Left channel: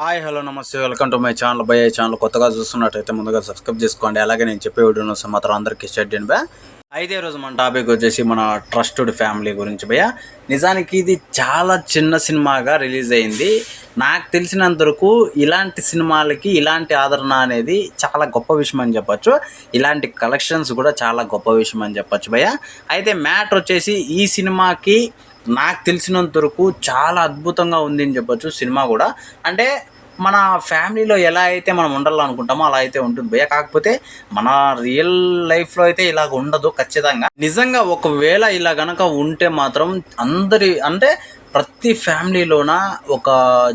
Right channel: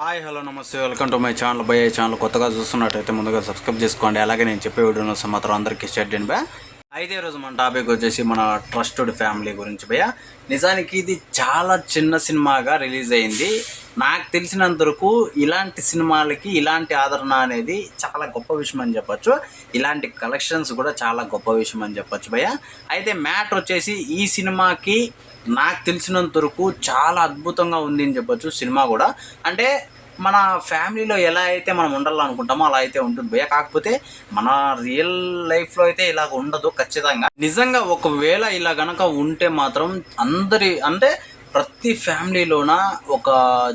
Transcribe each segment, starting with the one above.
Hi hello నమస్తే welcome to my channel by channel కొత్తగా చూస్తున్నట్టయితే ముందుగా సబ్స్క్రైబ్ చేసుకోండి. అలాగే నేను చెప్పే వీడియోను మాత్రం అందరికీ షేర్ చేయండి బా. అయితే ఈరోజు మన టాపిక్ వచ్చేసి మన ట్రస్టెడ్ ఫ్యామిలీ గురించి భయ్య. నిజానికి ఇది చాలా చిన్న సినిమాగా రిలీజ్ అయింది. నాకు తెలిసినంత వరకు ఇలాంటి సినిమాలకి ఇలాంటి ఆదరణ అనేది చాలా గొప్ప విషయం అని చెప్పచ్చు. ఇలాంటి కలెక్షన్స్ కూడా చాలా గొప్ప విషయం అని చెప్పచ్చు భయ్య. అయితే మ్యాటర్ వచ్చేసి ఈ సినిమాకి నాకు తెలిసినంత వరకు చాలా అద్భుతంగా ఉంది అని చెప్పొచ్చు. సినిమా కూడా అంటే మన ఫ్యామిలీలో ఎలా అయితే మనం ఉండాలనుకుంటామో అలా అయితే ఉంటుంది భయ్య. కాకపోతే మన రియల్ లైఫ్లో అయితే ఇలాగ ఉండదు ఖచ్చితంగా. నిజంగా ఒకవేళ ఇలా గనక ఉంటే మాత్రం అందరి అంటే ప్రతి ఫ్యామిలీలోన ఒక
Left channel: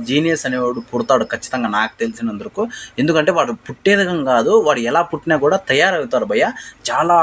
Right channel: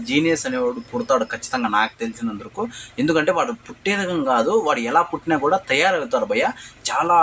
జీనియస్ అనేవాడు పుడతాడు ఖచ్చితంగా నాకు తెలిసినందుకు. ఎందుకంటే వాడు పుట్టేదకం కాదు, వాడు ఎలా పుట్టినా కూడా తయారవుతారు భయ్య. చాలా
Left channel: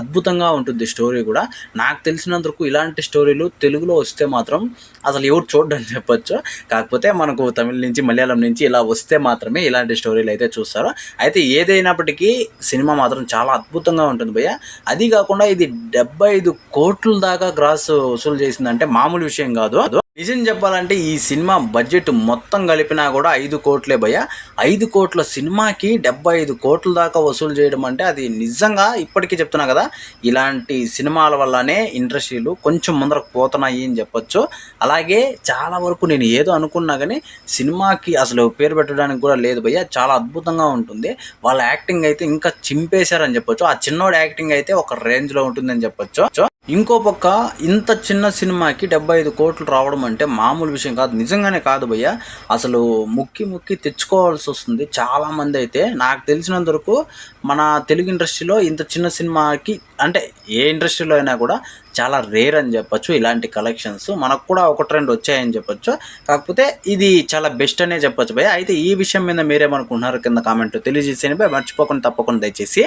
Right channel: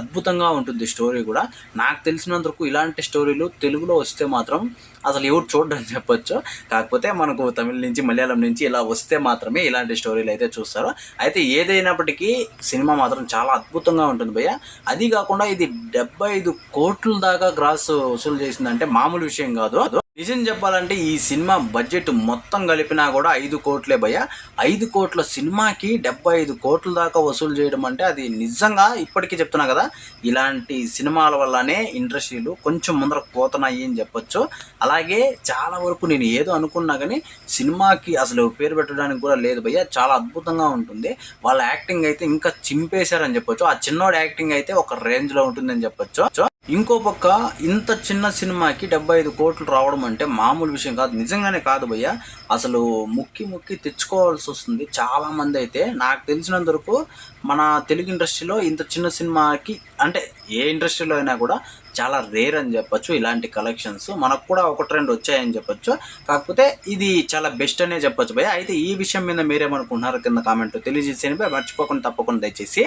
అద్భుతంగా ఉంటుంది స్టోరీ కూడా. నాకు తెలిసినందుకు ఇలాంటి స్టోరీలు తెలుగులో వస్తే మాత్రం అసలు ఎవరు చూడడం చెప్పొచ్చు. కాకపోతే మనకు తమిళ నుంచి మలయాళం నుంచి ఇలా వస్తే మాత్రమే ఇలాంటి స్టోరీలు అయితే చూస్తారు. అయితే ఏదైనప్పటికీ సినిమా మాత్రం చాలా అద్భుతంగా ఉంటుంది భయ్య. అది కాకుండా ఇది 75 కోట్ల దాకా గ్రాస్ వసూలు చేసిందంటే మామూలు విషయం కాదు. నిజం చెప్పాలంటే ఈ సినిమా బడ్జెట్ మొత్తం కలిపినా కూడా 5 కోట్లే భయ్య. 5 కోట్ల సినిమాకి 75 కోట్ల దాకా వసూలు చేయడం అంటే అది నిజంగా ఇప్పటికీ చెప్తున్నా కదా, ఇలాంటి సినిమాల వల్లనే ఇండస్ట్రీలు కొంచెం ముందరకు పోతున్నాయి అని చెప్పొచ్చు. అలాగే చాలా వరకు నేను ఏదో అనుకున్నా కానీ సినిమాకి అసలు పేరు పెట్టడానికి కూడా లేదు భయ్య. చాలా అద్భుతంగా ఉంటుంది. వాళ్ళ యాక్టింగ్ అయితే ఇంకా చింపేశారని చెప్పొచ్చు. ఆ చిన్నోడు యాక్టింగ్ అయితే ఒక రేంజ్లో ఉంటుందని చెప్పొచ్చు. ఇంకో పక్క ఇంత చిన్న సినిమాకి 75 కోట్లు రావడం అంటే మామూలు విషయం కాదు, నిజంగానే కాదు భయ్య. అసలు ముక్కి తెచ్చుకోవాల్సి వస్తుంది చాలామంది. అయితే నాకు తెలిసినంత వరకు మన తెలుగు ఇండస్ట్రీలో ఇంత చిన్న సినిమాకి అంటే ఏ ఇండస్ట్రీలో అయినా కూడా చాలా రేర్ అని చెప్పొచ్చు. ఇలాంటి కలెక్షన్స్ మనకు కూడా ఒక ట్రెండ్ వచ్చాయని చెప్పొచ్చు. కాకపోతే ఇది చాలా బెస్ట్ అనే చెప్పొచ్చు భయ్య. అయితే ఈ విషయం మీద మీరేమనుకుంటున్నారు కింద కామెంట్ తెలియజేసేయండి భయ్య. మర్చిపోకుండా తప్పకుండా దయచేసి.